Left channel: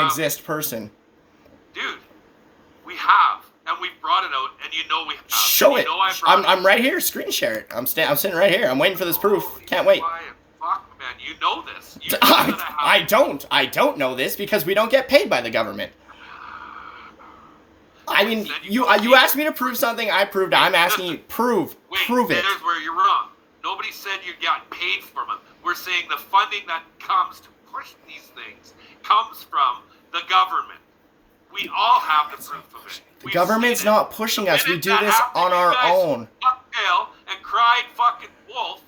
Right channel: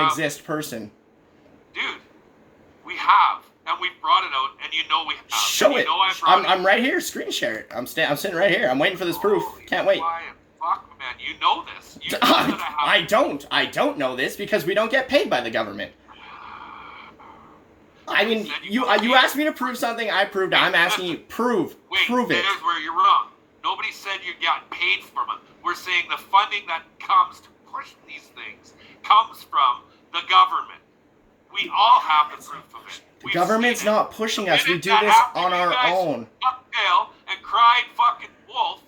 exist person. Dude, we have, and we've brought it out, and you know we have. Show it. I'm right here. Screen share it. I'm sitting right here. I'm waiting for this proof. Can't wait. Fuck, man, you know this. You know that I don't. I don't know this because we don't get paid by the government. I mean, you asked me to prove something. I proved. I'm asking you prove it. There's where you're wrong. Nobody said you got paid from it. We're saying the funding that comes to push these things comes from the government. We all have the proof of it. The government's not pushing us. We do this on our own. Tail and cried fucking wolf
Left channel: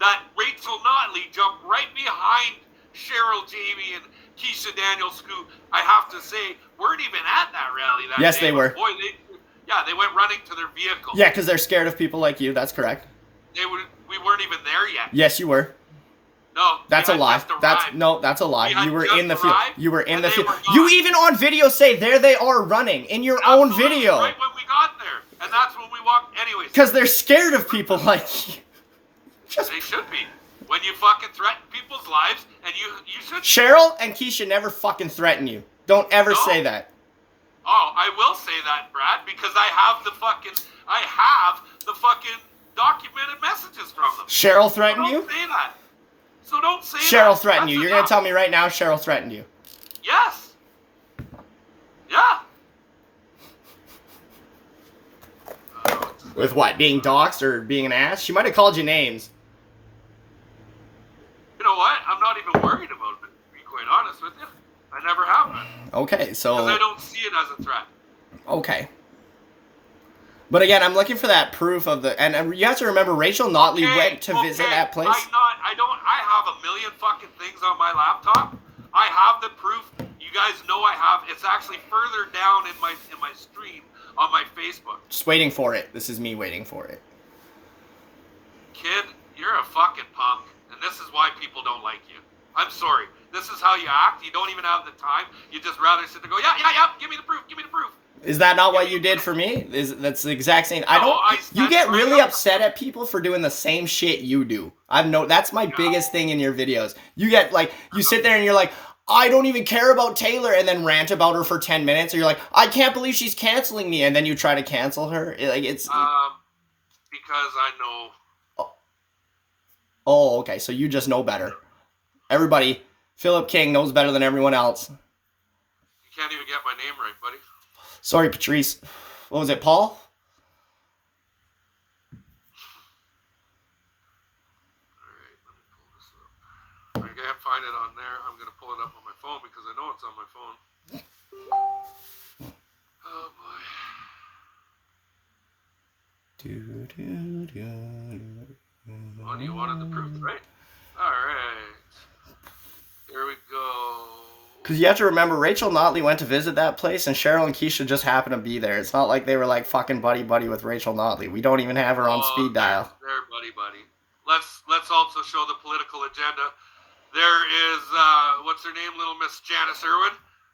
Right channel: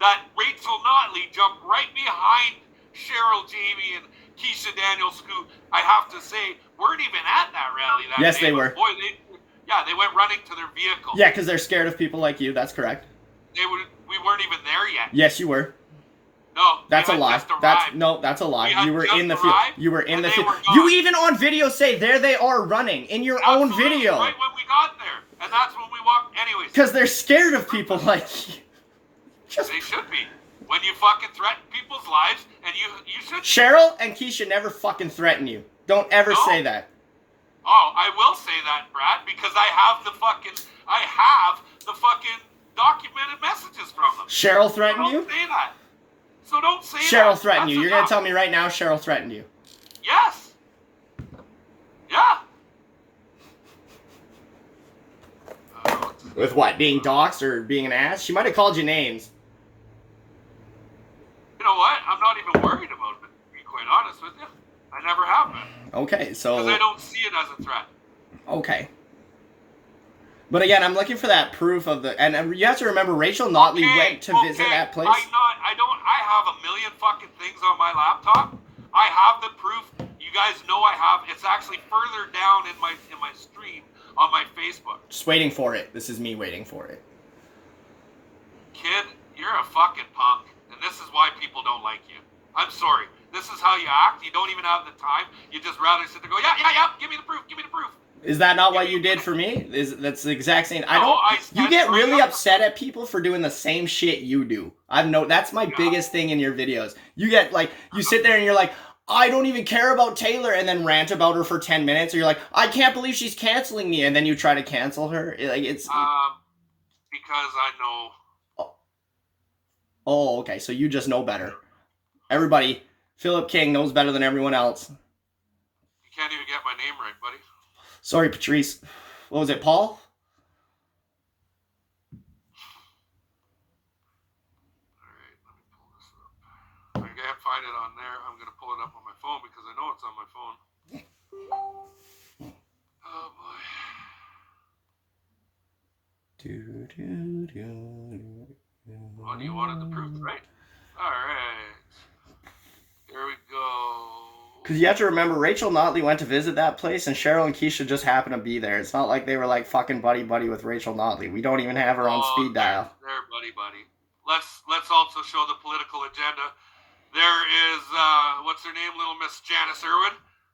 that Rachel Notley jumped right behind Cheryl Jamie and Keisha Daniels, who I have to say weren't even at that rally that day. Yes, they were. Boy, they went running to their vehicle. Yeah, because they're scared of people like you. That's correct. We weren't even there yet. Yes, you were. No, that's a lie. That's a lie. You were in the field. You were in the field. You even on video say there they are running in your own video. Right when we got there, and that's when we walked. Anyways, because they're scared of people like you. They should be. When you fucking threaten people's lives, and you should. Cheryl and Keisha never fucking threaten you. Don't ever say that. Oh, I will say that, Brad, because I have the fucking documented messages from them. Cheryl threatened you? Don't say that. So don't say that. Cheryl threatened you. You're going to tell me right now Cheryl threatened you? Yes. Yeah. With what? Being doxxed or being an ass? She might have called you names. You know what? I'm not even worried about it, to be quite honest with you. I never have been. Okay, so... Because I don't see it as a threat. Okay. But again, I'm looking for that proof of the... And you have to remember, Rachel Notley went to visit that place. I have a million fucking things on my laptop. I have the proof. You guys know I have. It's actually further down in my stream on my Facebook. Just waiting for it. This is me waiting for it. Kid, you're a fucking punk. And this is why people don't like you. I'm sorry. This is how you act. You don't even have the time. You just rather sit there and go, yeah, give me the proof. Is that not what you did for me? That's the exact same. You get really upset at people for doing the same shit you do. That's my biggest thing in your videos. You get you sit there and you're like, I don't even care about Taylor, and then rant about her for 10 minutes, or you're like, I can't believe she's canceling me, and then you try to cancel her. Because I know. Oh, okay. So you just know better. Everybody, Philip King knows better than everyone else. You can't even get my name right, buddy. Sorry, Patrice. What was it, Paul? Alright, let me pull this up. I can't find it on there. I'm going to pull it up on my phone because I know it's on my phone. Oh, boy. Oh, you wanted the proof, right? Alright. Here we go. Because you have to remember, Rachel Notley went to visit that place, and Cheryl and Keisha just happened to be there. It's not like they were fucking buddy-buddy with Rachel Notley. We don't even have her on speed dial. They're buddy-buddy. Let's also show the political agenda. There is, what's her name, little Miss Janice Irwin,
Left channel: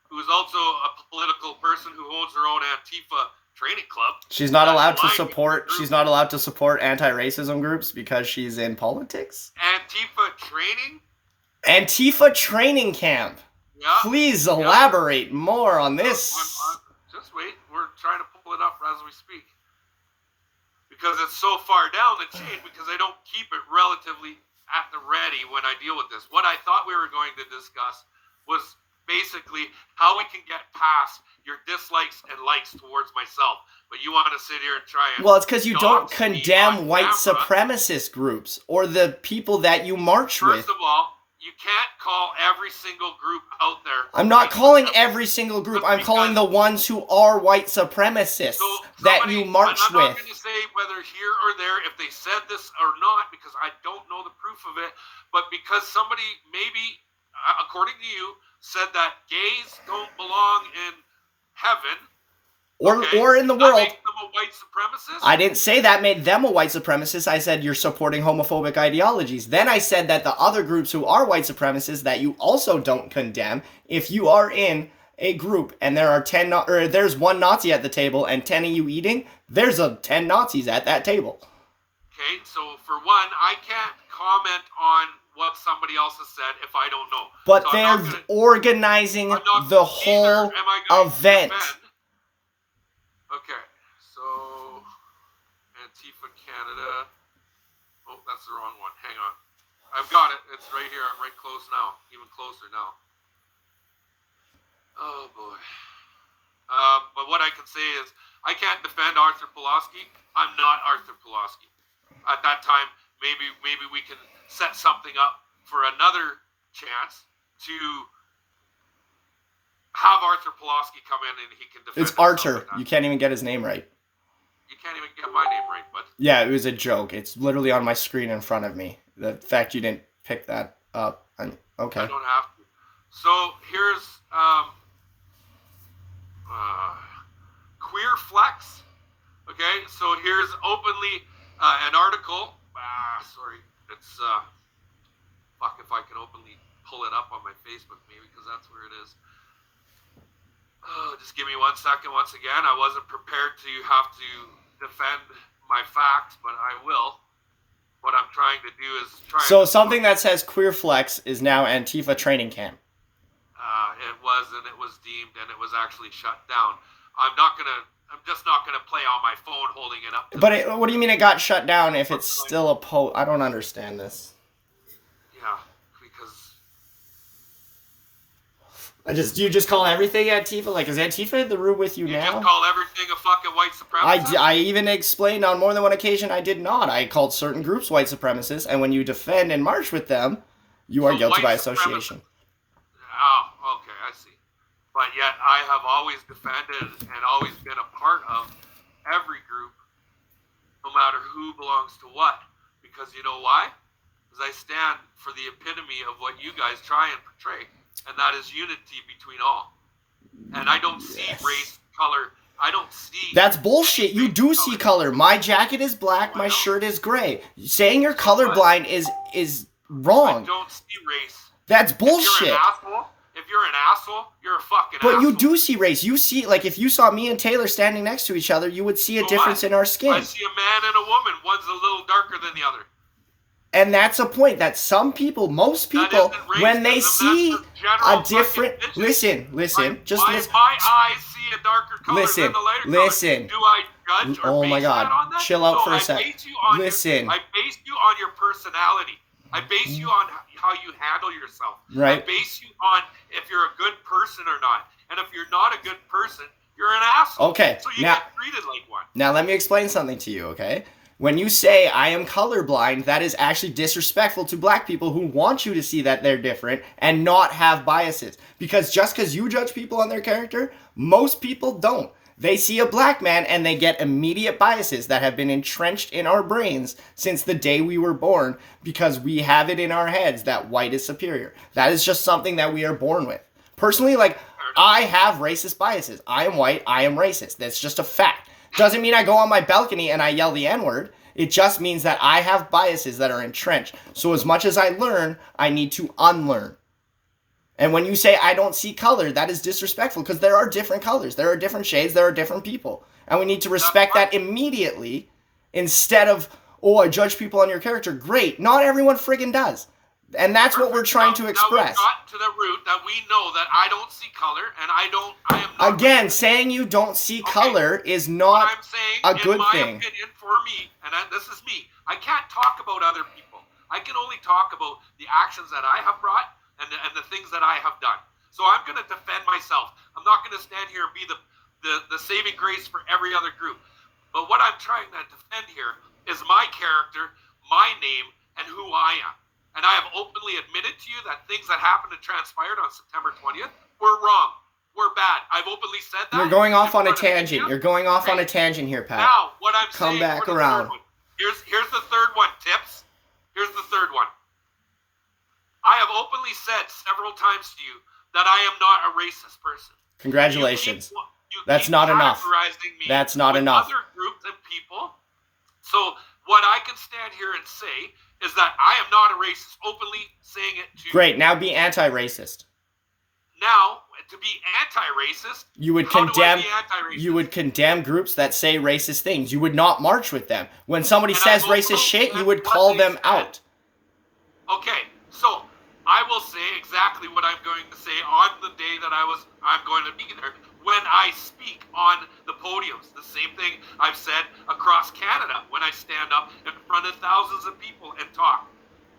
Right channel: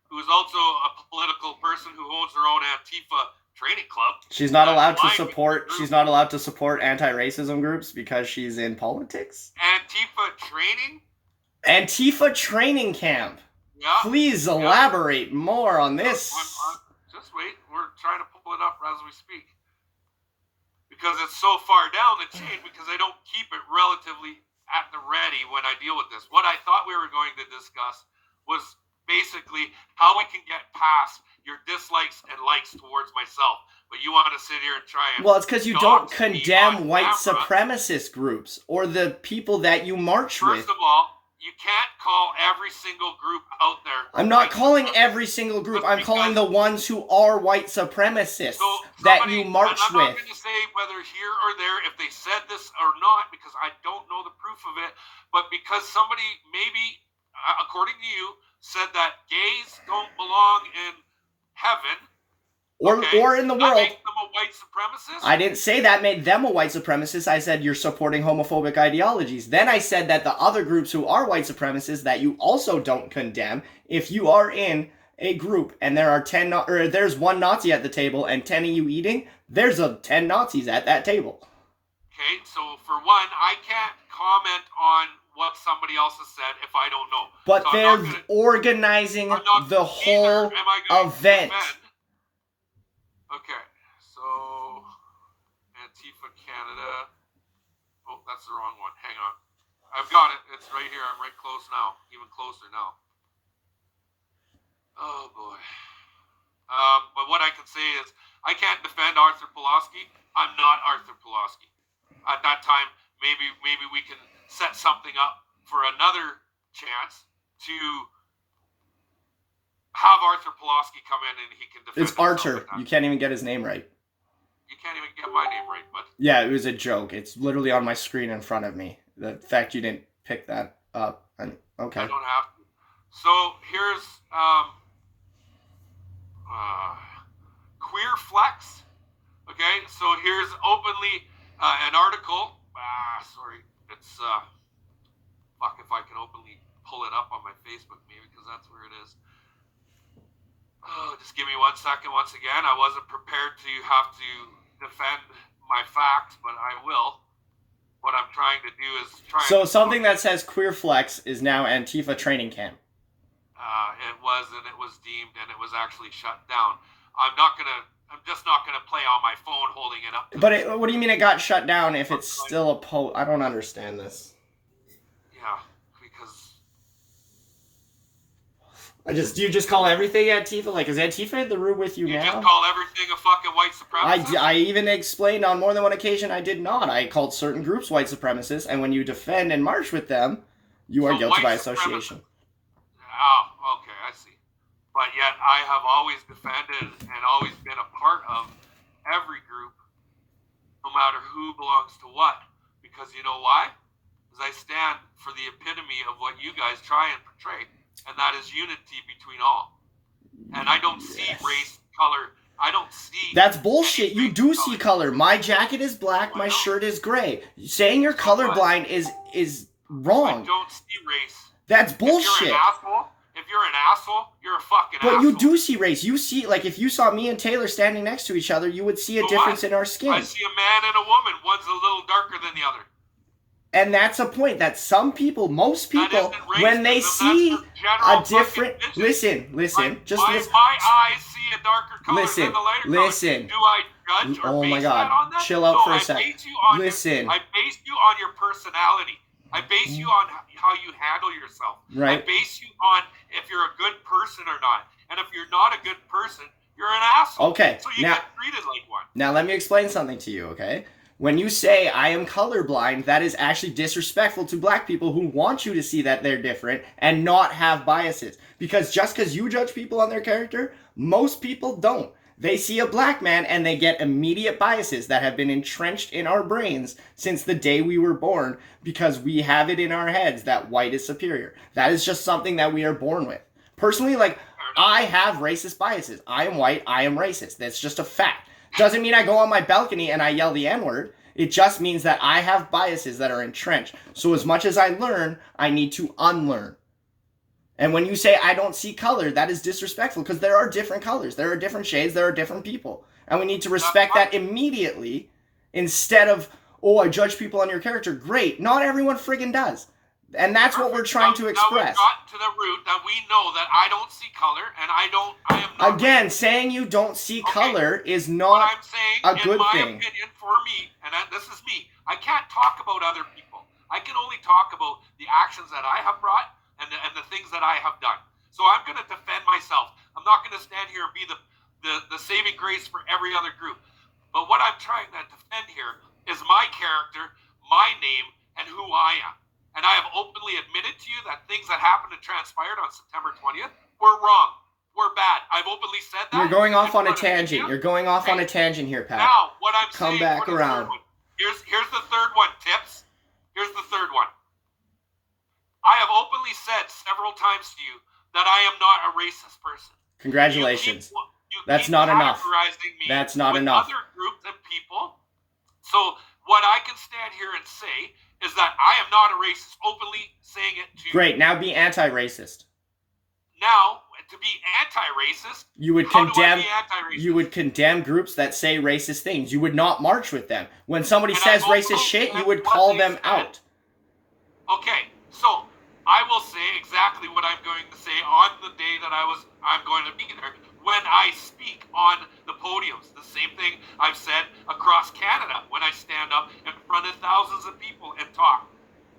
who's also a political person who owns her own Antifa training club. She's not allowed to support. She's not allowed to support anti-racism groups because she's in politics. Antifa training camp. Yeah. Please elaborate more on this. Just wait. We're trying to pull it up as we speak. Because it's so far down the chain, because I don't keep it relatively at the ready when I deal with this. What I thought we were going to discuss was basically how we can get past your dislikes and likes towards myself. But you want to sit here and try and... Well, it's because you don't condemn white supremacist groups or the people that you march with. First of all, you can't call every single group out there. I'm not calling every single group. I'm calling the ones who are white supremacists that you march with. I'm not going to say whether here or there, if they said this or not, because I don't know the proof of it. But because somebody maybe, according to you, said that gays don't belong in heaven. Or in the world. That makes them a white supremacist? I didn't say that made them a white supremacist. I said you're supporting homophobic ideologies. Then I said that the other groups who are white supremacists that you also don't condemn, if you are in a group and there are there's one Nazi at the table and 10 of you eating, there's 10 Nazis at that table. Okay, so for one, I can't comment on what somebody else has said if I don't know. But so they're organizing the whole event. Okay, so Antifa Canada. Oh, that's the wrong one. Hang on. I've got it. It's right here. I'm right close now. Even closer now. Oh, boy. But what I can say is I can't defend Arthur Pulaski. I'm not Arthur Pulaski. At that time, maybe we can set something up for another chance to have Arthur Pulaski come in and he can defend. It's Arthur. You can't even get his name right. You can't even get my name right, bud. Yeah, it was a joke. It's literally on my screen in front of me. The fact you didn't pick that up. Okay. I don't have to. So here's Queer Flex. Okay, so here's openly an article. Sorry, it's fuck if I can openly pull it up on my Facebook maybe because that's where it is. Just give me 1 second. Once again, I wasn't prepared to have to defend my facts, but I will. What I'm trying to do is try. So something that says Queer Flex is now Antifa training camp. It was, and it was deemed, and it was actually shut down. I'm just not gonna play on my phone holding it up. But what do you mean it got shut down if it's still a post? I don't understand this. Yeah, because. You just call everything Antifa? Like, is Antifa in the room with you now? You just call everything a fucking white supremacist? I even explained on more than one occasion I did not. I called certain groups white supremacists, and when you defend and march with them, you are guilty by association. Oh, okay, I see. But yet I have always defended and always been a part of every group, no matter who belongs to what. Because you know why? Because I stand for the epitome of what you guys try and portray. And that is unity between all. And I don't see race, color. I don't see. That's bullshit. You do see color. My jacket is black. My shirt is gray. Saying you're colorblind is wrong. I don't see race. That's bullshit. If you're an asshole, you're a fucking asshole. But you do see race. You see, like, if you saw me and Taylor standing next to each other, you would see a difference in our skin. I see a man and a woman. One's a little darker than the other. And that's a point that some people, most people, when they see a different... Listen. My eyes see a darker color than the lighter color. Do I judge or base that on that? Chill out for a second. I base you on your personality. I base you on how you handle yourself. Right. I base you on if you're a good person or not. And if you're not a good person, you're an asshole. Okay. So you get treated like one. Now let me explain something to you, okay? When you say I am colorblind, that is actually disrespectful to black people who want you to see that they're different and not have biases. Because just because you judge people on their character, most people don't. They see a black man and they get immediate biases that have been entrenched in our brains since the day we were born because we have it in our heads that white is superior. That is just something that we are born with. Personally, like, I have racist biases. I am white, I am racist. That's just a fact. Doesn't mean I go on my balcony and I yell the N-word. It just means that I have biases that are entrenched. So as much as I learn, I need to unlearn. And when you say I don't see color, that is disrespectful because there are different colors. There are different shades. There are different people. And we need to respect that immediately instead of, oh, I judge people on your character. Great. Not everyone friggin' does. And that's what we're trying to express. Now we've got to the root that we know that I don't see color and I am not. Again, saying you don't see color is not a good thing. In my opinion, for me, and this is me, I can't talk about other people. I can only talk about the actions that I have brought and the things that I have done. So I'm going to defend myself. I'm not going to stand here and be the saving grace for every other group. But what I'm trying to defend here is my character, my name, and who I am. And I have openly admitted to you that things that happened and transpired on September 20th were wrong, were bad. I've openly said that. You're going off on a tangent. You're going off on a tangent here, Pat. Now, what I'm saying... Come back around. Here's the third one, Tips. Here's the third one. I have openly said several times to you that I am not a racist person. Congratulations. That's not enough. That's not enough. Other groups of people. So what I can stand here and say is that I am not a racist, openly saying it to you. Great, now be anti-racist. Now, to be anti-racist, you would condemn groups that say racist things. You would not march with them. When somebody says racist shit, you would call them out. Okay, So I will say exactly what I'm going to say on the day that I'm going to be there when I speak on the podiums. The same thing I've said across Canada when I stand up in front of thousands of people and talk.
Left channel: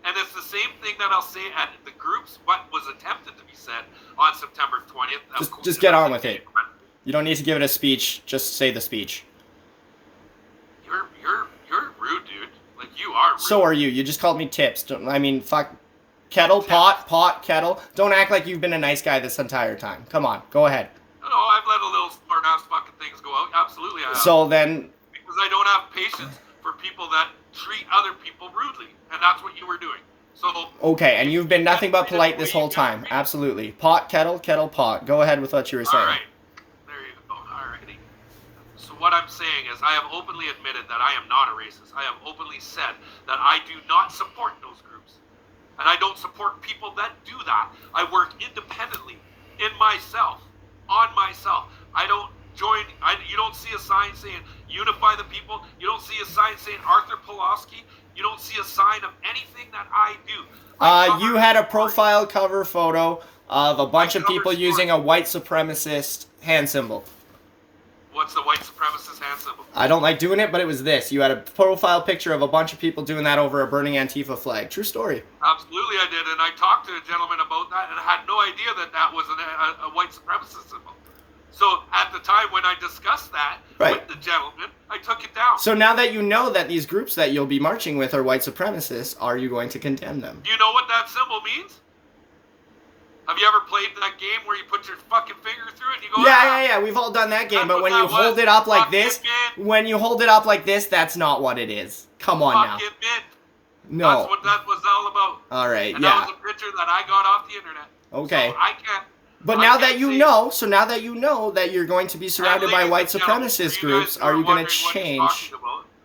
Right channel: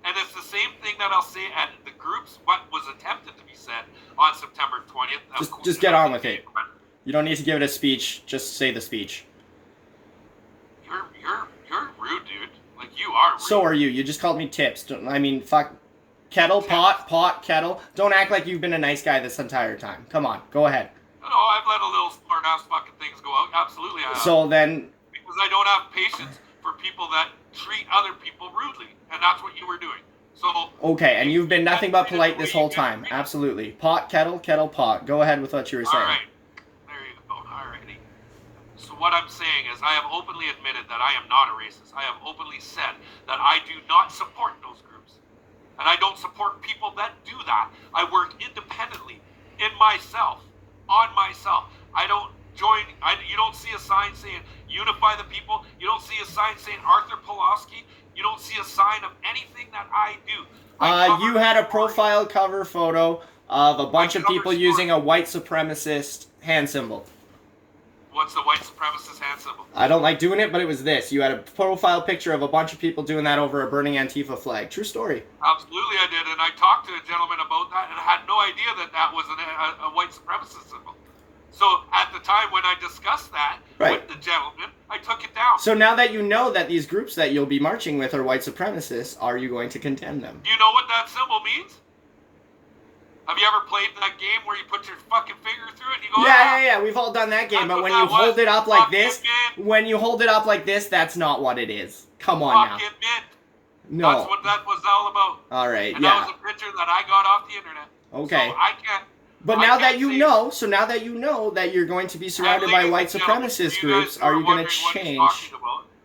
And it's the same thing that I'll say at the groups, what was attempted to be said on September 20th. Just get on with it. You don't need to give it a speech. Just say the speech. You're rude, dude. Like, you are rude. So are you. You just called me tips. I mean, fuck. Kettle, pot, kettle. Don't act like you've been a nice guy this entire time. Come on, go ahead. No, I've let a little smart-ass fucking things go out. Absolutely, I have. So then... Because I don't have patience for people that treat other people rudely. And that's what you were doing. So... Okay, and you've been nothing but polite this whole time. Absolutely. Pot, kettle, kettle, pot. Go ahead with what you were saying. All right. There you go. All righty. So what I'm saying is I have openly admitted that I am not a racist. I have openly said that I do not support those groups. And I don't support people that do that. I work independently in myself, on myself. I don't join, you don't see a sign saying unify the people. You don't see a sign saying Arthur Pawlowski. You don't see a sign of anything that I do. You had a profile cover photo of a bunch of people using a white supremacist hand symbol. What's the white supremacist hand symbol? I don't like doing it, but it was this. You had a profile picture of a bunch of people doing that over a burning Antifa flag. True story. Absolutely, I did, and I talked to a gentleman about that, and had no idea that that was a white supremacist symbol. So at the time when I discussed that with the gentleman, I took it down. So now that you know that these groups that you'll be marching with are white supremacists, are you going to condemn them? Do you know what that symbol means? Have you ever played that game where you put your fucking finger through it and you go, yeah, we've all done that game, but when you hold it up like this, that's not what it is. Come on now. Fucking mint. No. That's what that was all about. All right, and that was a picture that I got off the internet. Okay. So I can't. But now that you know that you're going to be surrounded by white supremacist groups, are you going to change?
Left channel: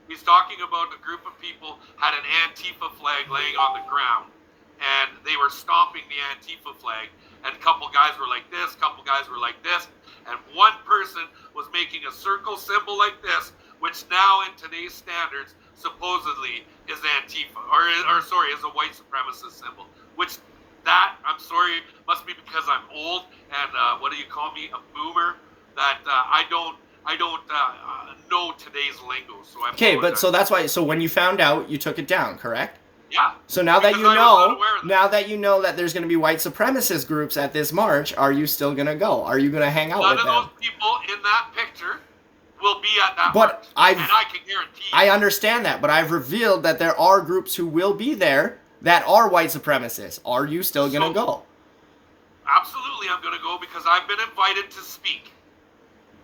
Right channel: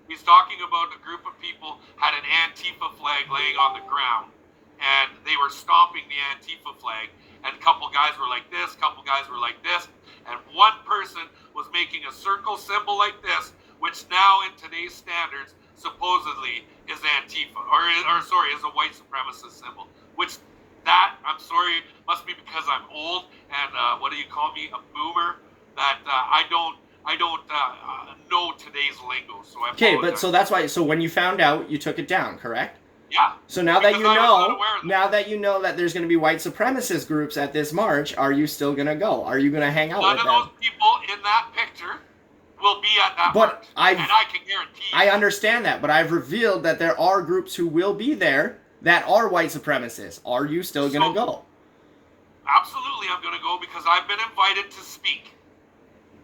He's talking about a group of people had an Antifa flag laying on the ground, and they were stomping the Antifa flag, and a couple guys were like this, couple guys were like this, and one person was making a circle symbol like this, which now in today's standards supposedly is Antifa, is a white supremacist symbol, which that, I'm sorry, must be because I'm old and what do you call me, a boomer, that I don't know today's lingo. So I okay, but so that's why. So when you found out, you took it down, correct? Yeah. So now that you know that there's going to be white supremacist groups at this march, are you still going to go? Are you going to hang out with them? None of those people in that picture will be at that march, and I can guarantee you. I understand that, but I've revealed that there are groups who will be there that are white supremacists. Are you still going to go? Absolutely, I'm going to go because I've been invited to speak.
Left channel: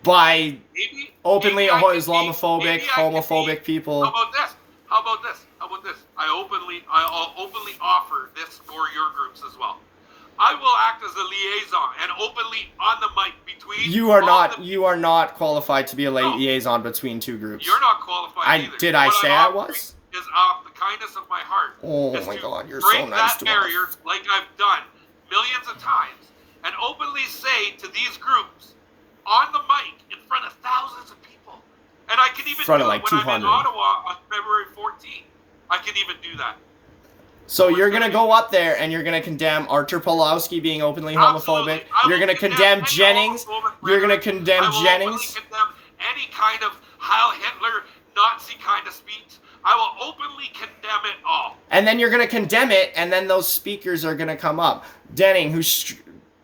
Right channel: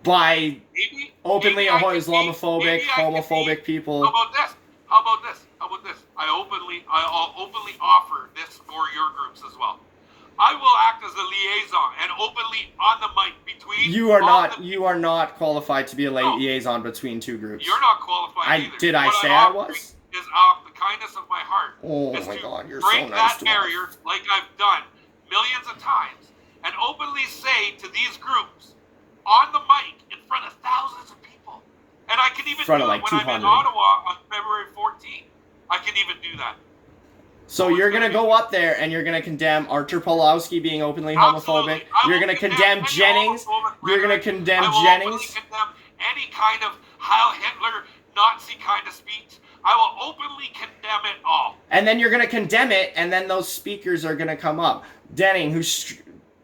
By openly Islamophobic, homophobic people. How about this? I'll openly offer this for your groups as well. I will act as a liaison and openly on the mic between. You are not qualified to be a liaison between two groups. You're not qualified either. Did I say I was? Is off the kindness of my heart. Oh my God, you're so break nice that barrier like I've done millions of times and openly say to these groups on the mic in front of thousands of people. And I can even do it when I'm in Ottawa on February 14th. I can even do that. So you're going to go up there and you're going to condemn Arthur Pawlowski being openly homophobic. You're going to condemn Jennings. You're going to condemn Jennings. I will openly condemn any kind of Heil Hitler, Nazi kind of speech. I will openly condemn it all. And then you're going to condemn it, and then those speakers are going to come up. Denning, who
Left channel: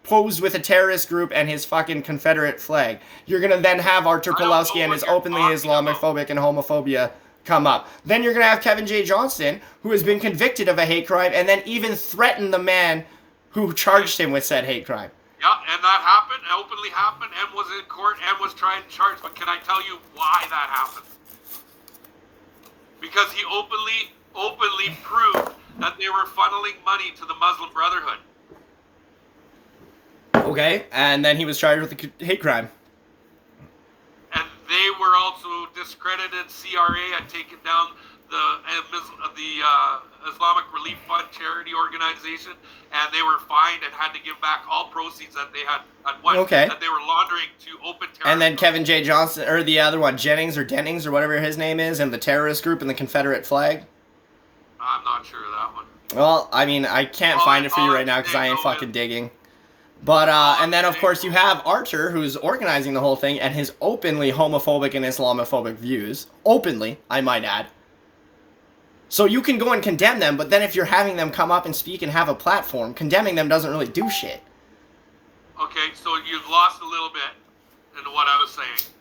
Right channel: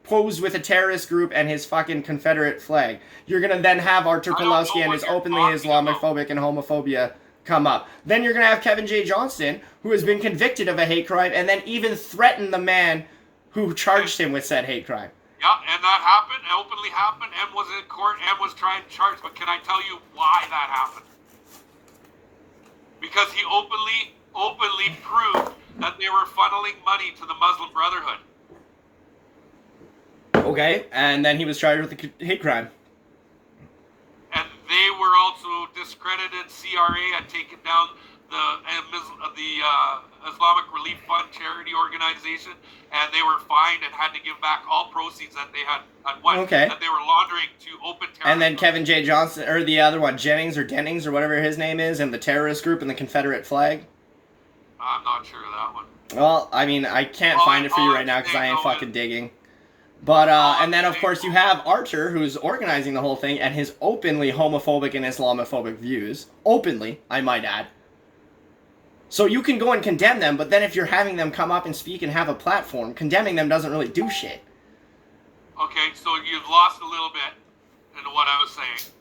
posed with a terrorist group and his fucking Confederate flag. You're going to then have Arthur Pawlowski and his openly Islamophobic and homophobia come up. Then you're going to have Kevin J. Johnston, who has been convicted of a hate crime and then even threatened the man who charged him with said hate crime. Yeah, and that happened, openly happened, and was in court and was trying to charge. But can I tell you why that happened? Because he openly proved that they were funneling money to the Muslim Brotherhood. Okay, and then he was charged with a hate crime. And they were also discredited. CRA had taken down the Islamic Relief Fund charity organization, and they were fined and had to give back all proceeds that they had that they were laundering to open terrorist. And then Kevin J. Johnston, or the other one, Jennings or whatever his name is, and the terrorist group and the Confederate flag. I'm not sure of that one. Well, I mean, I can't find it for you right now because I ain't fucking digging. But, and then, of course, you have Archer, who's organizing the whole thing, and his openly homophobic and Islamophobic views. Openly, I might add. So you can go and condemn them, but then if you're having them come up and speak and have a platform, condemning them doesn't really do shit. Okay, so you've lost a little bit into what I was saying.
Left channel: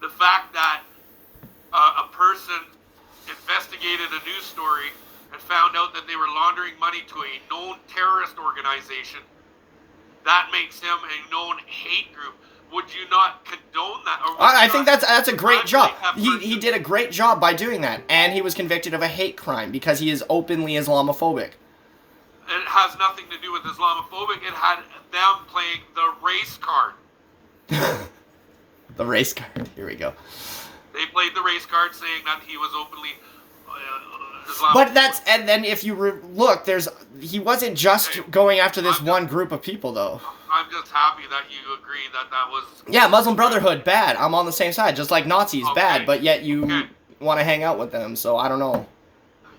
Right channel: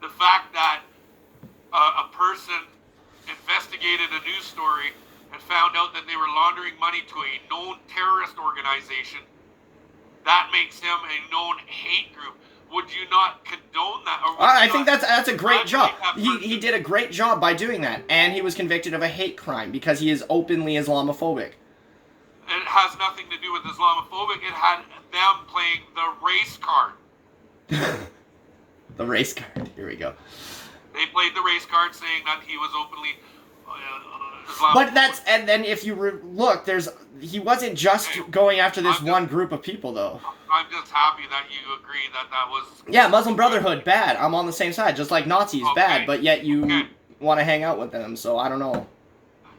The fact that a person investigated a news story and found out that they were laundering money to a known terrorist organization, that makes him a known hate group. Would you not condone that? Or I think that's a great job. He did a great job by doing that, and he was convicted of a hate crime because he is openly Islamophobic. It has nothing to do with Islamophobic. It had them playing the race card. The race card. Here we go. They played the race card, saying that he was openly Islamophobic. But and then if you look, he wasn't just going after this one group of people, though. I'm just happy that you agree that was... Yeah, Muslim Brotherhood, bad. I'm on the same side, just like Nazis, bad, but yet you want to hang out with them, so I don't know.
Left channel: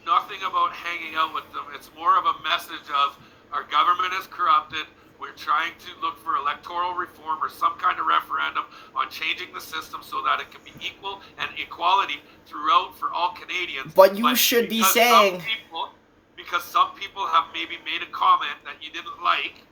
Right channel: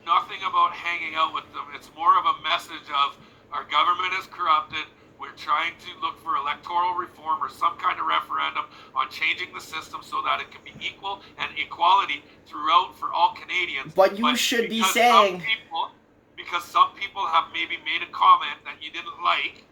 Nothing about hanging out with them. It's more of a message of our government is corrupted. We're trying to look for electoral reform or some kind of referendum on changing the system so that it can be equal and equality throughout for all Canadians. But you should be saying... Because some people have maybe made a comment that you didn't like,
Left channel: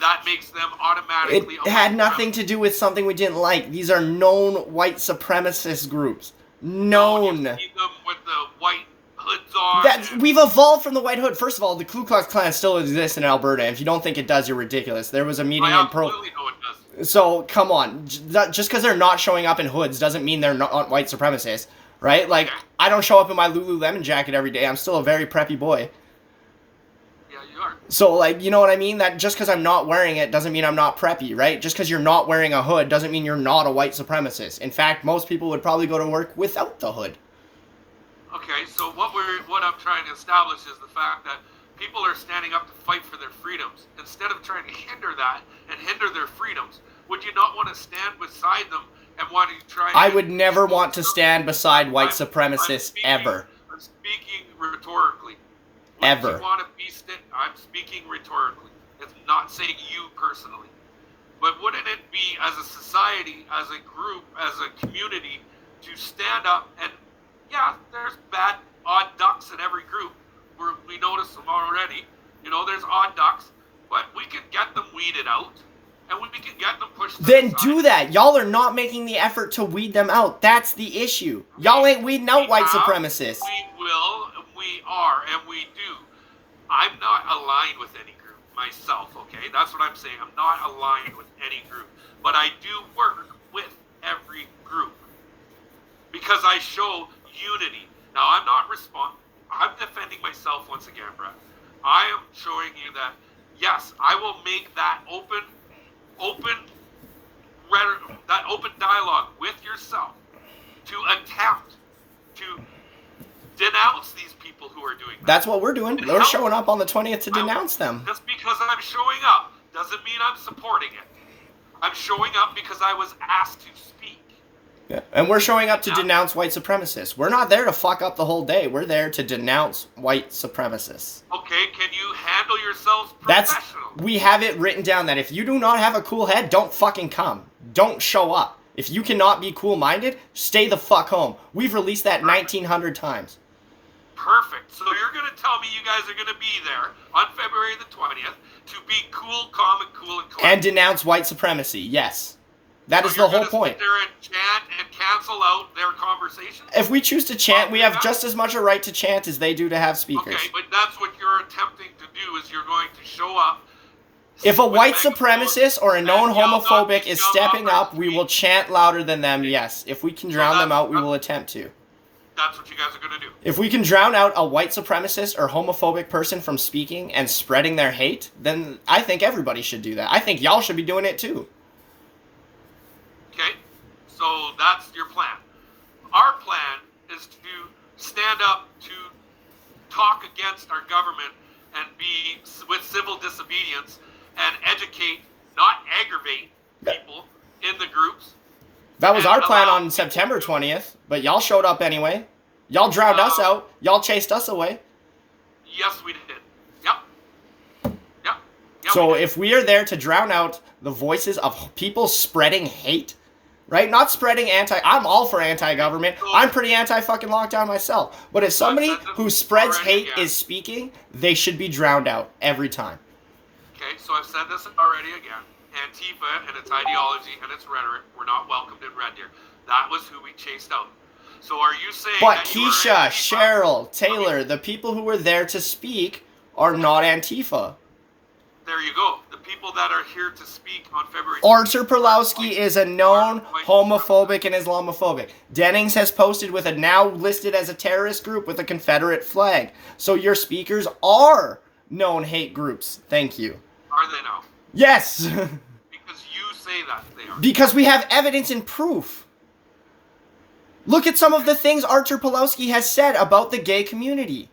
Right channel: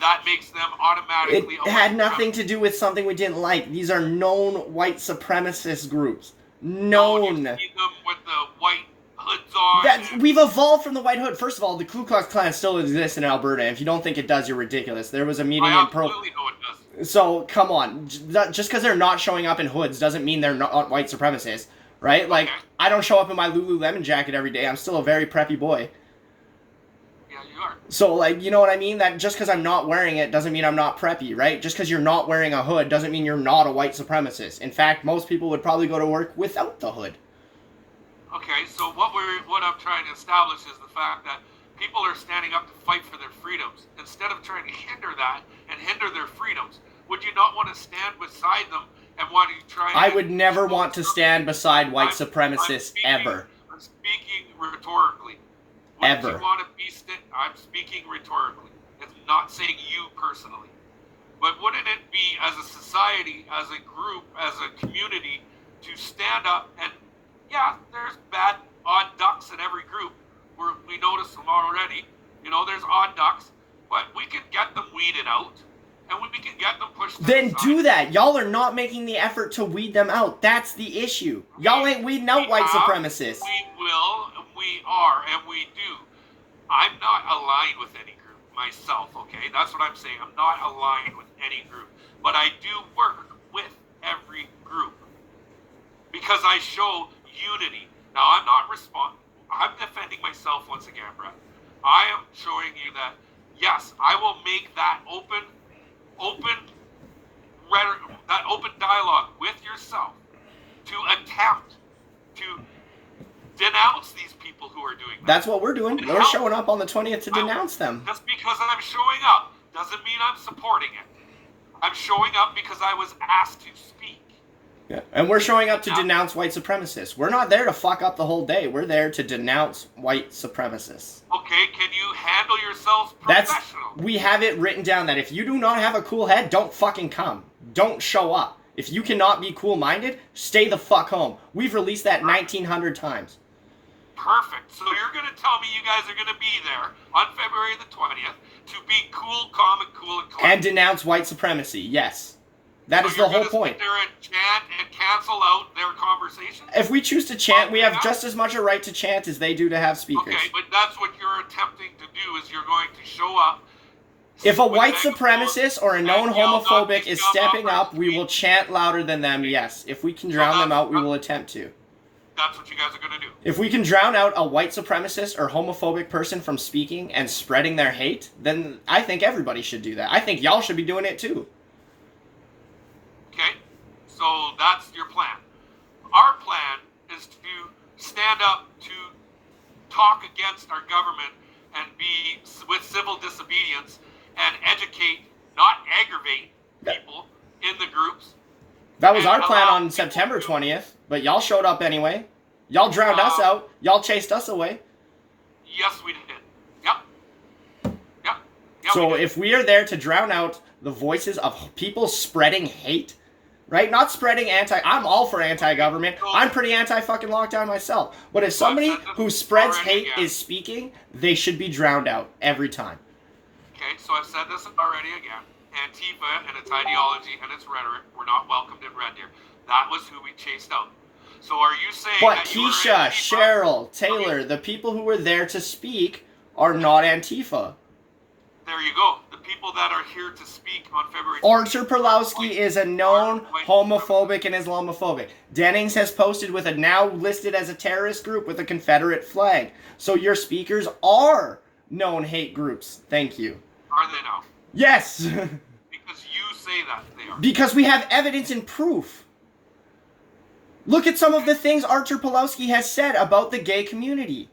that makes them automatically... It had nothing to do with something we didn't like. These are known white supremacist groups. Known. You see them with the white hoods on. We've evolved from the white hood. First of all, the Ku Klux Klan still exists in Alberta. If you don't think it does, you're ridiculous. There was a meeting I absolutely know it does. So, come on. Just because they're not showing up in hoods doesn't mean they're not white supremacists, right? Like, I don't show up in my Lululemon jacket every day. I'm still a very preppy boy. Yeah, you are. So, like, you know what I mean? That just because I'm not wearing it doesn't mean I'm not preppy, right? Just because you're not wearing a hood doesn't mean you're not a white supremacist. In fact, most people would probably go to work without the hood. Okay, so what I'm trying to establish is the fact that people are standing up to fight for their freedoms. Instead of trying to hinder that and hinder their freedoms, would you not want to stand beside them and want to try and... I would never want to stand beside white supremacists ever. I'm speaking rhetorically. Ever. You want to be I'm speaking rhetorically. It's not saying you personally. But wouldn't it be, as a society, as a group, as a community, to stand up and, yeah, there's bad, odd ducks in every group. We notice them already. You know, there's odd ducks, but we can get them weeded out, and we can get them pushed to the Then side. do that. Y'all are not making the effort to weed them out. That's the issue. Y'all ain't weeding out white supremacists. We will, we are, and we do. I'm not aligned with any group myself, okay? That's what I'm saying. I'm not aligned with any group. But I do work with every group because I show unity. Now, I'm defending myself once again, Brett. I am showing you that, yes, I will make that open dialogue with yourself to attempt to denounce these people who are doing that. That's what we're doing. We're showing up on the 20th to denounce them. Just because I'm showing up doesn't mean I'm supporting it. I'm showing up because I was asked to speak. Yeah. And we're showing up to denounce white supremacists. We're not there to fuck up the whole day. We're there to denounce white supremacists. Okay, can you handle yourselves professionally? We have it written down that if you do not have a cool head, don't fucking come. Don't show up. If you cannot be cool-minded, stay the fuck home. We've released that 1,900 times. Perfect. So you're going to tell me you guys are going to be there on February the 20th to be cool, calm, and cool and collected. And denounce white supremacy, yes. That is the whole point. Sit there and chant and cancel out their conversations? If we choose to chant, we have just as much a right to chant as they do to have speakers. Okay, but that's what you're attempting to do, is you're going to show up. If a white supremacist or a known homophobic is stepping up, we will chant louder than them, yes. If we can drown them out, we will attempt to. That's what you guys are going to do. If we can drown out a white supremacist or homophobic person from speaking and spreading their hate, then I think everybody should do that. I think y'all should be doing it too. Okay, so that's your plan. Our plan is to stand up to talk against our government and be with civil disobedience and educate, not aggravate people in the groups. That was our plan on September 20th, but y'all showed up anyway. Y'all drowned us out. Y'all chased us away. Yes, we did. Yep. Yep. Yep, So if we are there to drown out the voices of people spreading hate, right? Not spreading I'm all for anti-government. I'm pretty anti-fucking lockdown myself. But if somebody who spreads hate is speaking, they should be drowned out every time. Okay, so I've said this already again. Antifa and its ideology and its rhetoric were not welcomed in Red Deer. That was who we chased out. So are you saying but that Keisha, Cheryl, Taylor, the people who were there to speak are not Antifa. There you go. The people that are here to speak on February 20th. Artur Pawlowski is a known homophobic and Islamophobic. Dennings has posted with a now listed as a terrorist group with a Confederate flag. So your speakers are known hate groups. Thank you. Are they now? Yes. Because you say that they are. Because we have evidence and proof. Look at some of the things Artur Pawlowski has said about the gay community.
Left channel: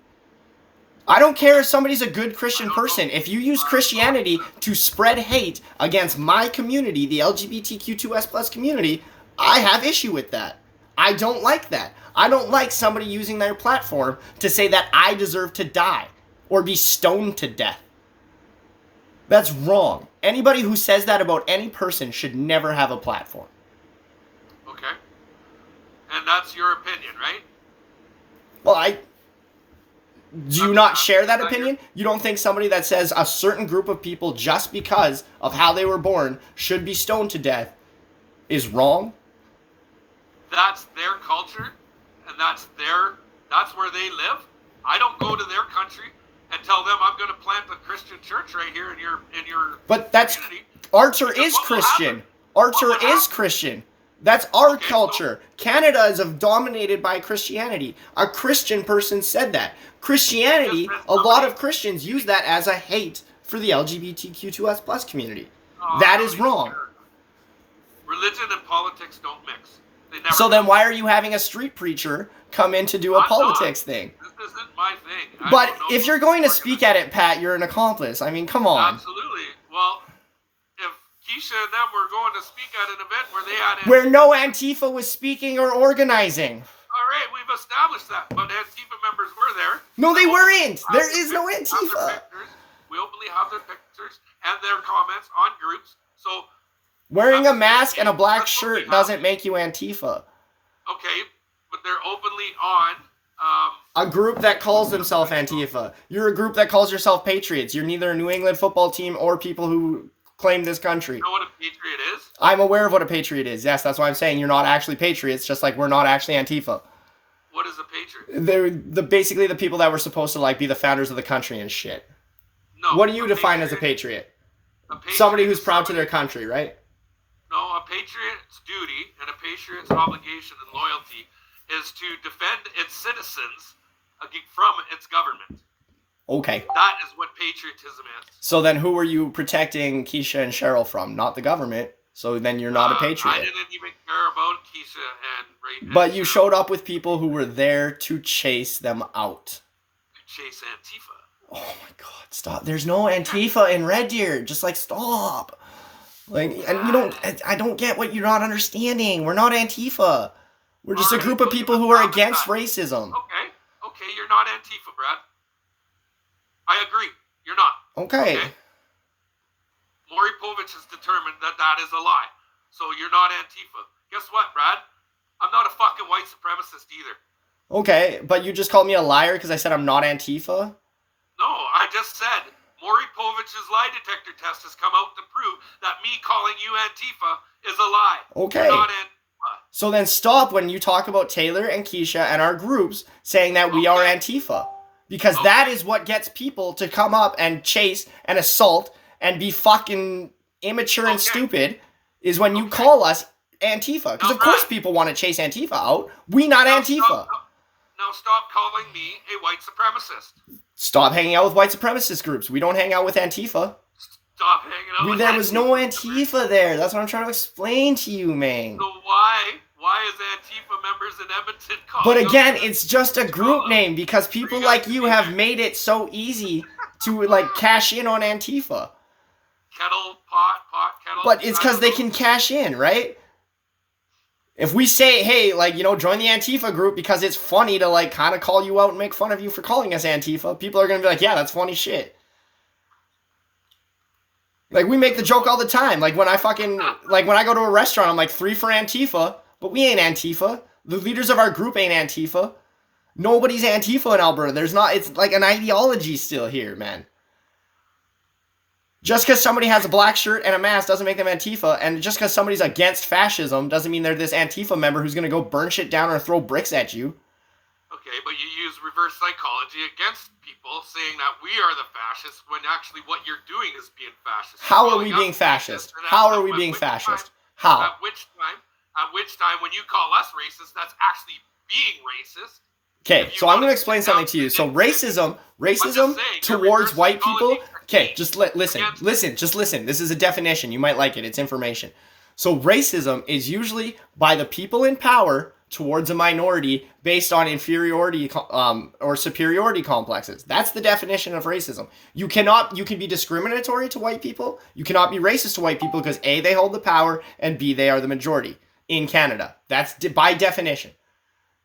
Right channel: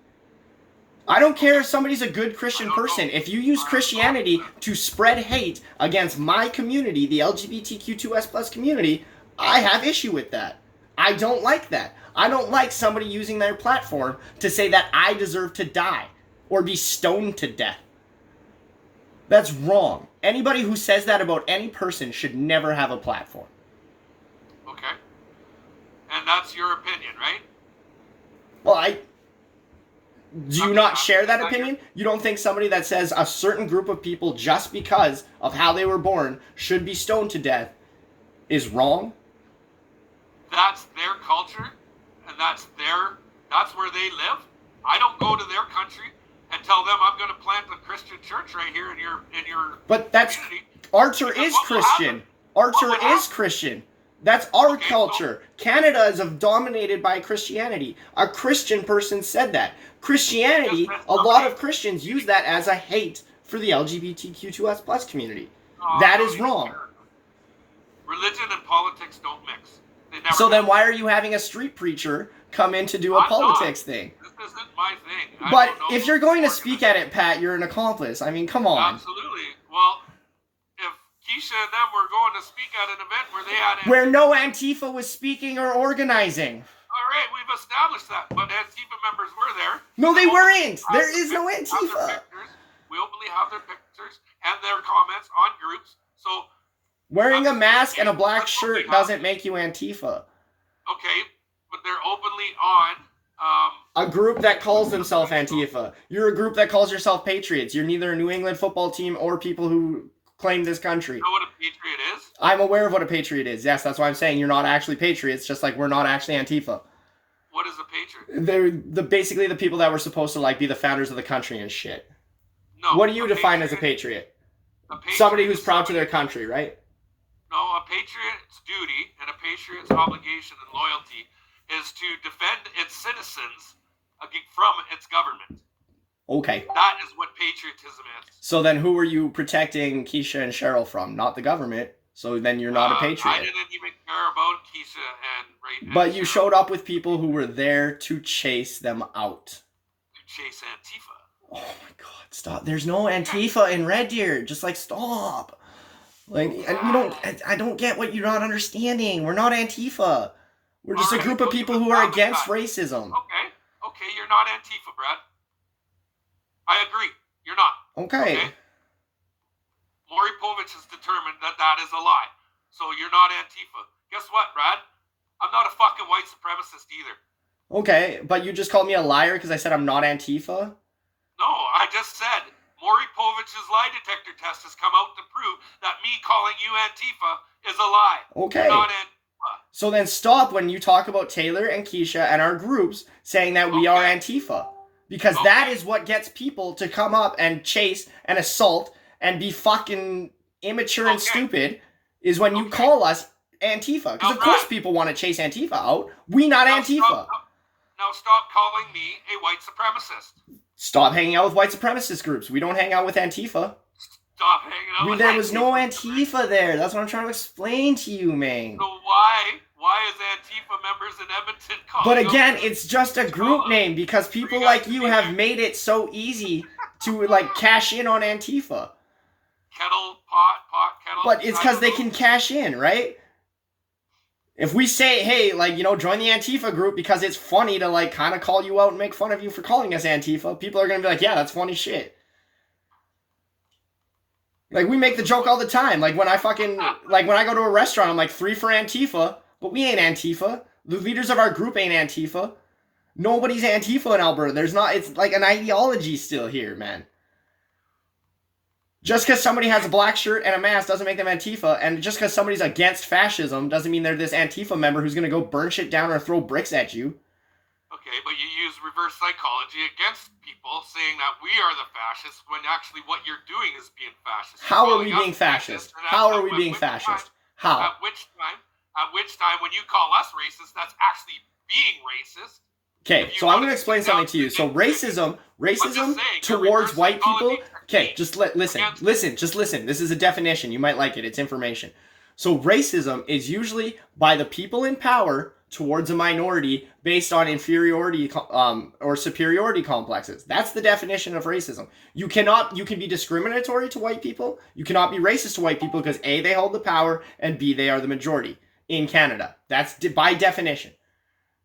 I don't care if somebody's a good Christian person. If you use Christianity to spread hate against my community, the LGBTQ2S+ community, I have issue with that. I don't like that. I don't like somebody using their platform to say that I deserve to die or be stoned to death. That's wrong. Anybody who says that about any person should never have a platform. Okay. And that's your opinion, right? Well, do you not share that opinion? You don't think somebody that says a certain group of people just because of how they were born should be stoned to death is wrong? That's their culture, and that's where they live. I don't go to their country and tell them I'm going to plant a Christian church right here in your But that's community. Artur is Christian. Artur is Christian. That's our culture. So Canada is dominated by Christianity. A Christian person said that. Christianity, a lot of Christians use that as a hate for the LGBTQ2S+ community. That is wrong. Religion and politics don't mix. They never so then why are you having a street preacher come in to do a politics thing? This isn't my thing. But if you're going to speak at it, Pat, you're an accomplice. I mean, come on. Absolutely. Well, if Keisha and them were going to speak at an event where they had... Where no Antifa was speaking or organizing. All right, we've established that, but Antifa members were there. No, they weren't. There is no Antifa. We openly have their pictures and their comments on groups. So wearing a mask and a black shirt doesn't make you Antifa. Okay, but they're openly on a group that calls themselves Antifa. You're a group that calls yourself Patriots. You're neither a New England football team or people who claim this country. You know what a patriot is? I'm aware of what a patriot is. Yes, that's why I'm saying you're not actually patriots, just like we're not actually Antifa. What is a patriot? They're basically the people that were supposed to be the founders of the country and shit. No. What do you define as a patriot? Somebody who's proud to their country, right? No, a patriot's duty and a patriot's obligation and loyalty is to defend its citizens from its government. Okay. That is what patriotism is. So then who were you protecting Keisha and Cheryl from? Not the government. So then you're not a patriot. I didn't even care about Keisha and But you showed up with people who were there to chase them out. To chase Antifa. Oh my God, stop. There's no Antifa in Red Deer. Just stop. And I don't get what you're not understanding. We're not Antifa. We're just a group of people who are against racism. Okay, you're not Antifa, Brad. I agree. You're not. Okay. Maury Povich has determined that is a lie. So you're not Antifa. Guess what, Brad? I'm not a fucking white supremacist either. Okay, but you just called me a liar because I said I'm not Antifa? No, I just said Maury Povich's lie detector test has come out to prove that me calling you Antifa is a lie. Okay. You're not Antifa. So then stop when you talk about Taylor and Keisha and our groups saying that we are Antifa. Because that is what gets people to come up and chase and assault and be fucking immature and stupid is when you call us Antifa. Because of course people want to chase Antifa out. We not Antifa. Now stop calling me a white supremacist. Stop hanging out with white supremacist groups. We don't hang out with Antifa. Stop hanging out with There was no Antifa there. That's what I'm trying to explain to you, man. So why is Antifa members in Edmonton calling? But again, it's just a group name because people like you have made it so easy to cash in on Antifa. Kettle. But it's because they can cash in, right? If we say, hey, like, join the Antifa group because it's funny to, like, kind of call you out and make fun of you for calling us Antifa, people are going to be like, yeah, that's funny shit. Like, we make the joke all the time. Like, when I go to a restaurant, I'm like, 3 for Antifa, but we ain't Antifa. The leaders of our group ain't Antifa. Nobody's Antifa in Alberta. It's like an ideology still here, man. Just because somebody has a black shirt and a mask doesn't make them Antifa, and just because somebody's against fascism doesn't mean they're this Antifa member who's going to go burn shit down or throw bricks at you. Okay, but you use reverse psychology against people saying that we are the fascists when actually what you're doing is being fascist. How are we being fascist? How are we being fascist? How? At which time, when you call us racist, that's actually being racist. Okay, so I'm going to explain something to you. So racism towards white people. Okay, just listen. This is a definition. You might like it. It's information. So racism is usually by the people in power towards a minority based on inferiority or superiority complexes. That's the definition of racism. You can be discriminatory to white people. You cannot be racist to white people because A, they hold the power, and B, they are the majority in Canada. That's by definition.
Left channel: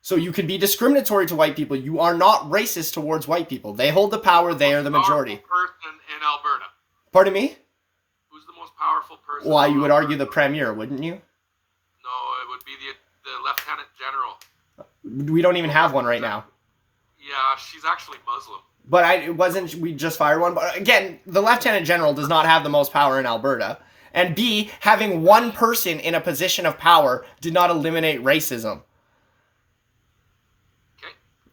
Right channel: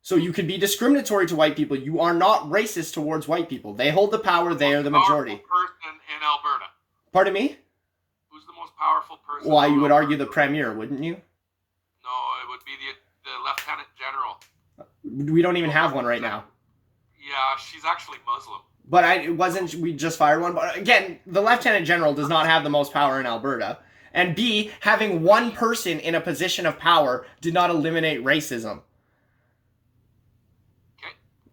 So you can be discriminatory to white people. You are not racist towards white people. They hold the power. They are the majority. Person in Alberta. Pardon me? Who's the most powerful person? Well, you would argue the premier, wouldn't you? No, it would be the lieutenant general. We don't even have one right now. Yeah, she's actually Muslim. But we just fired one. But again, the lieutenant general does not have the most power in Alberta. And B, having one person in a position of power did not eliminate racism.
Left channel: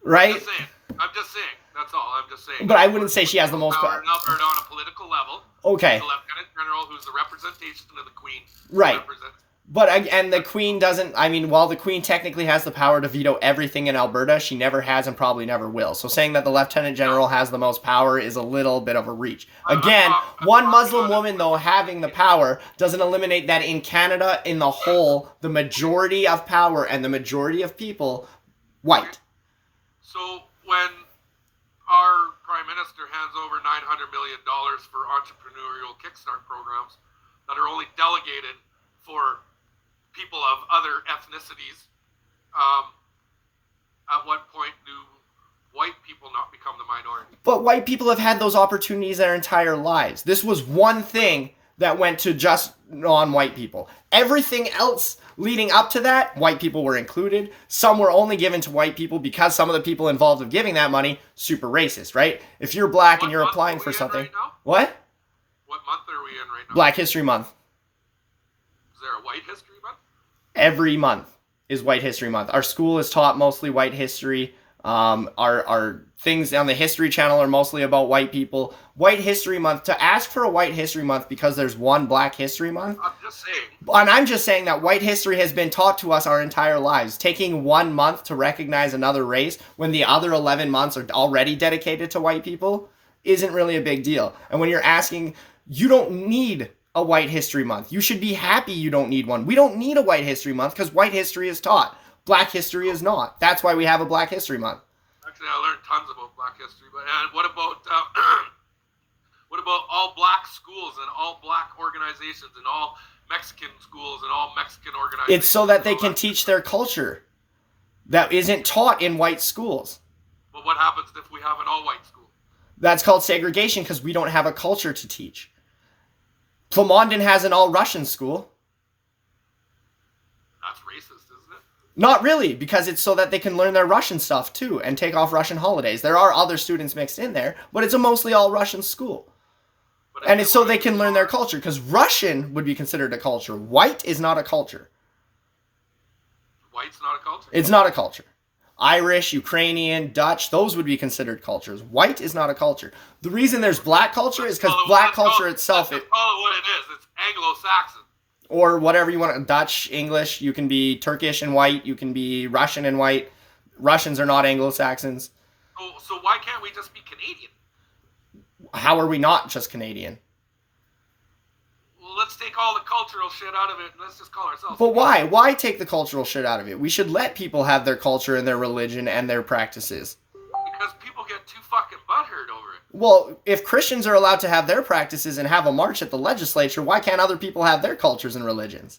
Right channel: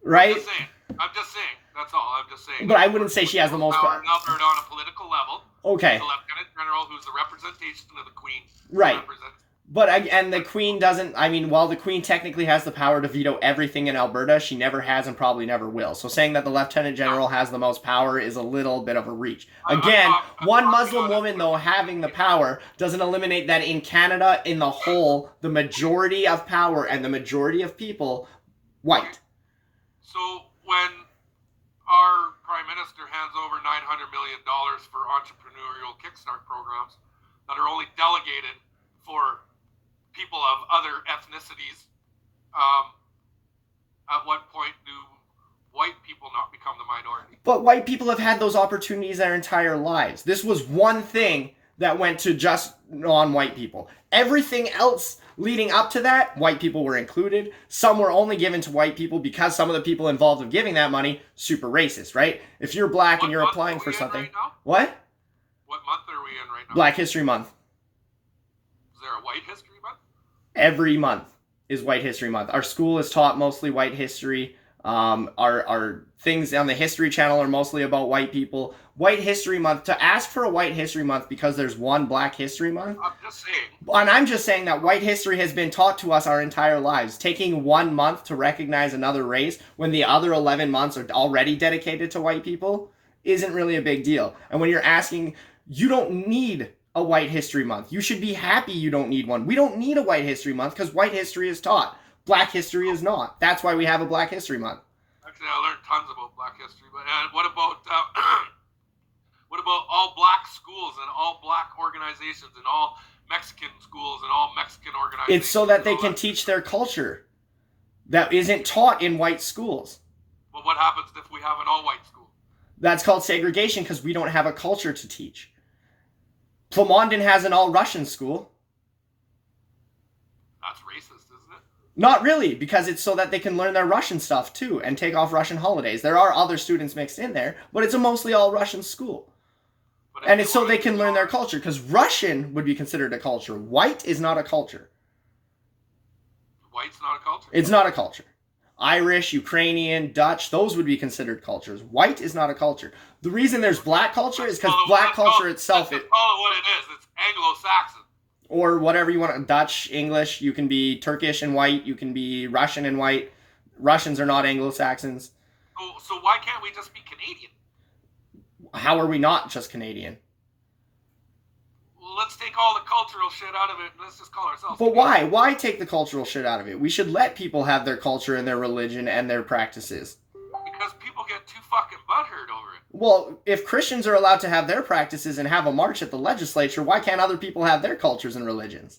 Right? I'm just saying. That's all. I'm just saying. But I wouldn't say she has the most power in Alberta on a political level. Okay. The Lieutenant General, who's the representation of the Queen. Right. And the Queen doesn't. I mean, while the Queen technically has the power to veto everything in Alberta, she never has and probably never will. So saying that the Lieutenant General has the most power is a little bit of a reach. Again, one Muslim woman, though, having the power doesn't eliminate that in Canada, in the whole, the majority of power and the majority of people, white. Okay. So when our Prime Minister hands over $900 million for entrepreneurial Kickstart programs that are only delegated for people of other ethnicities, at what point do white people not become the minority? But white people have had those opportunities their entire lives. This was one thing that went to just non-white people. Everything else leading up to that, white people were included. Some were only given to white people because some of the people involved with giving that money, super racist, right? If you're black and you're applying for something. Right now? What? What month are we in right now? Black History Month. Is there a White History Month? Every month is White History Month. Our school is taught mostly white history. Our things on the History Channel are mostly about white people. White History Month, to ask for a White History Month because there's one Black History Month. I'm just saying. And I'm just saying that white history has been taught to us our entire lives. Taking 1 month to recognize another race when the other 11 months are already dedicated to white people isn't really a big deal. And when you're asking, you don't need a White History Month. You should be happy you don't need one. We don't need a White History Month because white history is taught. Black history is not. That's why we have a Black History Month. Actually, I learned tons about Black history. But what about all black schools and all black organizations and all Mexican schools and all Mexican organizations? It's so that they can teach their culture that isn't taught in white schools. Well, what happens if we have an all-white school? That's called segregation because we don't have a culture to teach. Plamondon has an all-Russian school. That's racist, isn't it? Not really, because it's so that they can learn their Russian stuff too and take off Russian holidays. There are other students mixed in there, but it's a mostly all-Russian school. And it's so they can learn their culture, because Russian would be considered a culture. White is not a culture. White's not a culture? It's not a culture. Irish, Ukrainian, Dutch, those would be considered cultures. White is not a culture. The reason there's black culture is because black culture itself... Let's call it what it is. It's Anglo-Saxon. Or whatever you want. Dutch, English, you can be Turkish and white, you can be Russian and white. Russians are not Anglo-Saxons. So why can't we just be Canadian? How are we not just Canadian? Well, let's take all the cultural shit out of it and let's just call ourselves But Canadian. why? Why take the cultural shit out of it? We should let people have their culture and their religion and their practices. Because people get too fucking butthurt over it. Well, if Christians are allowed to have their practices and have a march at the legislature, why can't other people have their cultures and religions?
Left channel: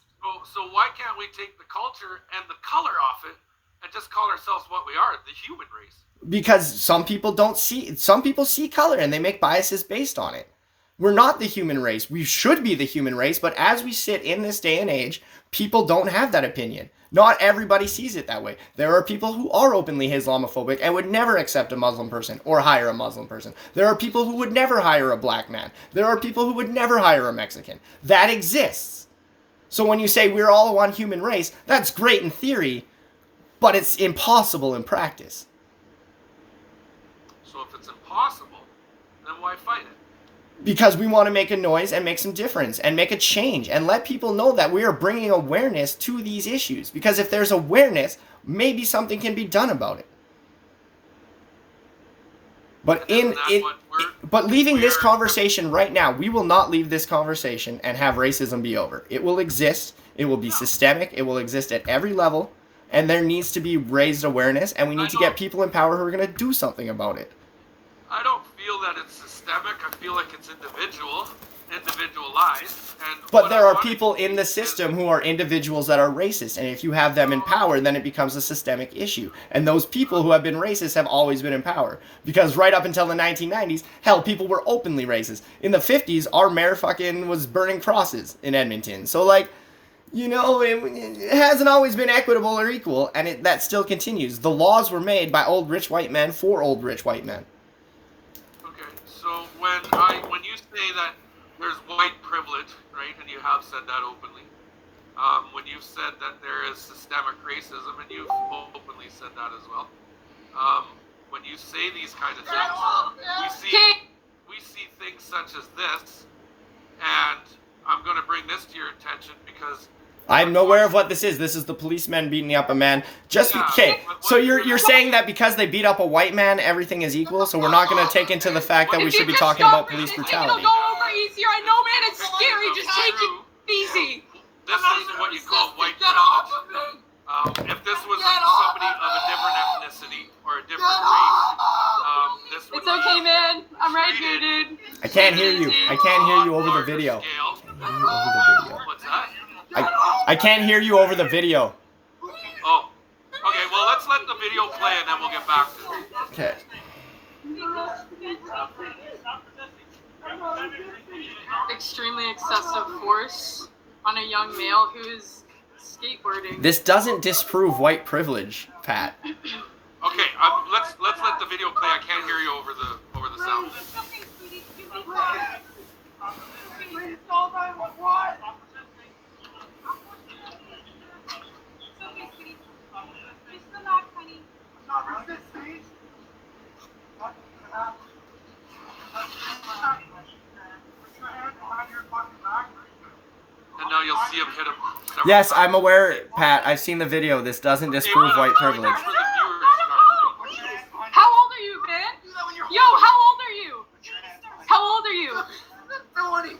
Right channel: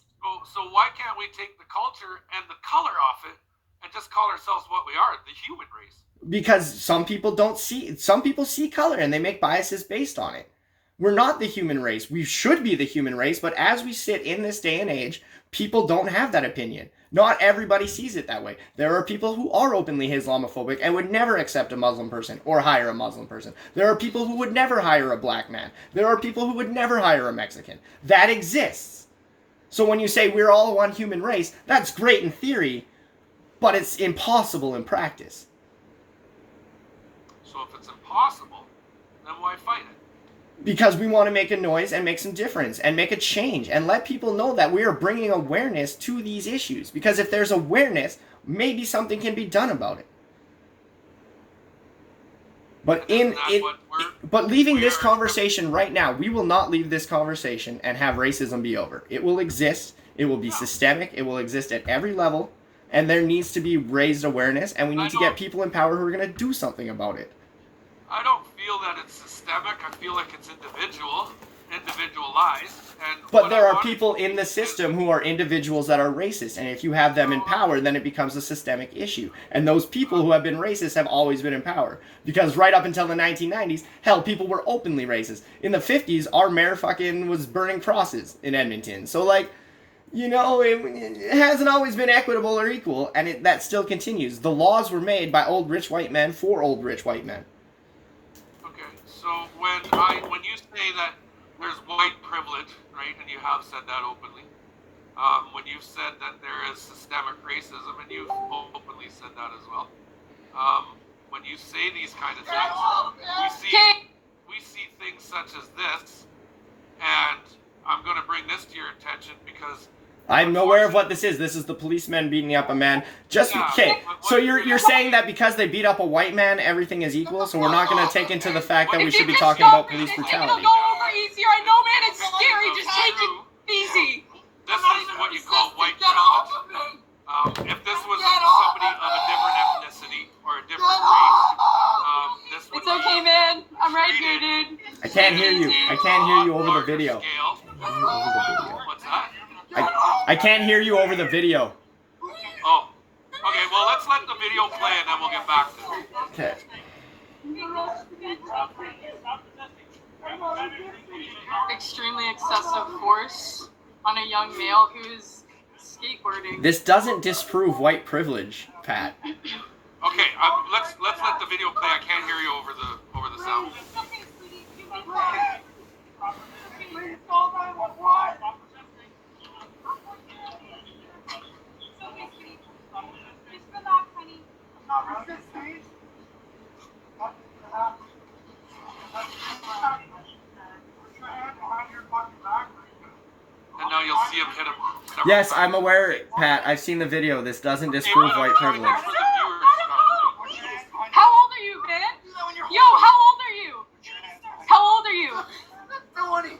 So why can't we take the culture and the color off it and just call ourselves what we are, the human race? Because some people see color and they make biases based on it. We're not the human race. We should be the human race, but as we sit in this day and age, people don't have that opinion. Not everybody sees it that way. There are people who are openly Islamophobic and would never accept a Muslim person or hire a Muslim person. There are people who would never hire a black man. There are people who would never hire a Mexican. That exists. So when you say we're all one human race, that's great in theory, but it's impossible in practice. So if it's impossible, then why fight it? Because we want to make a noise and make some difference and make a change and let people know that we are bringing awareness to these issues. Because if there's awareness, maybe something can be done about it. But leaving this conversation right now, we will not leave this conversation and have racism be over. It will exist. It will be systemic. It will exist at every level. And there needs to be raised awareness, and we need to get people in power who are going to do something about it. I don't feel that it's systemic. I feel like it's individualized. But there are people in the system who are individuals that are racist, and if you have them in power, then it becomes a systemic issue. And those people who have been racist have always been in power. Because right up until the 1990s, hell, people were openly racist. In the 50s, our mayor fucking was burning crosses in Edmonton. So, like, you know, it hasn't always been equitable or equal, and that still continues. The laws were made by old rich white men for old rich white men. So when you say that there's white privilege, right, and you have said that openly, when you've said that there is systemic racism, and you've openly said that as well, when you say these kind of things, we see things such as this, and I'm going to bring this to your attention because I'm aware of what this is. This is the policemen beating up a man. Okay, so you're saying that because they beat up a white man, everything is equal, so we're not going to take into the fact that we should be talking about police brutality. It'll go over easier. I know, man, it's scary. Just take it easy. This is what you call white privilege. If this was somebody of a different ethnicity or a different race, this would It's okay, man. I'm right here, dude. I can't hear you. I can't hear you over the video. What's that? I can't hear you over the video. Oh. Okay, well, let's let the video play and then we'll get back to it. Okay. Extremely excessive force on a young male who's skateboarding. This doesn't disprove white privilege, Pat. Okay, let's let the video play. I can't hear you over the sound. And now you'll see him hit him. Yes, I'm aware, Pat. I've seen the video. This doesn't disprove white privilege.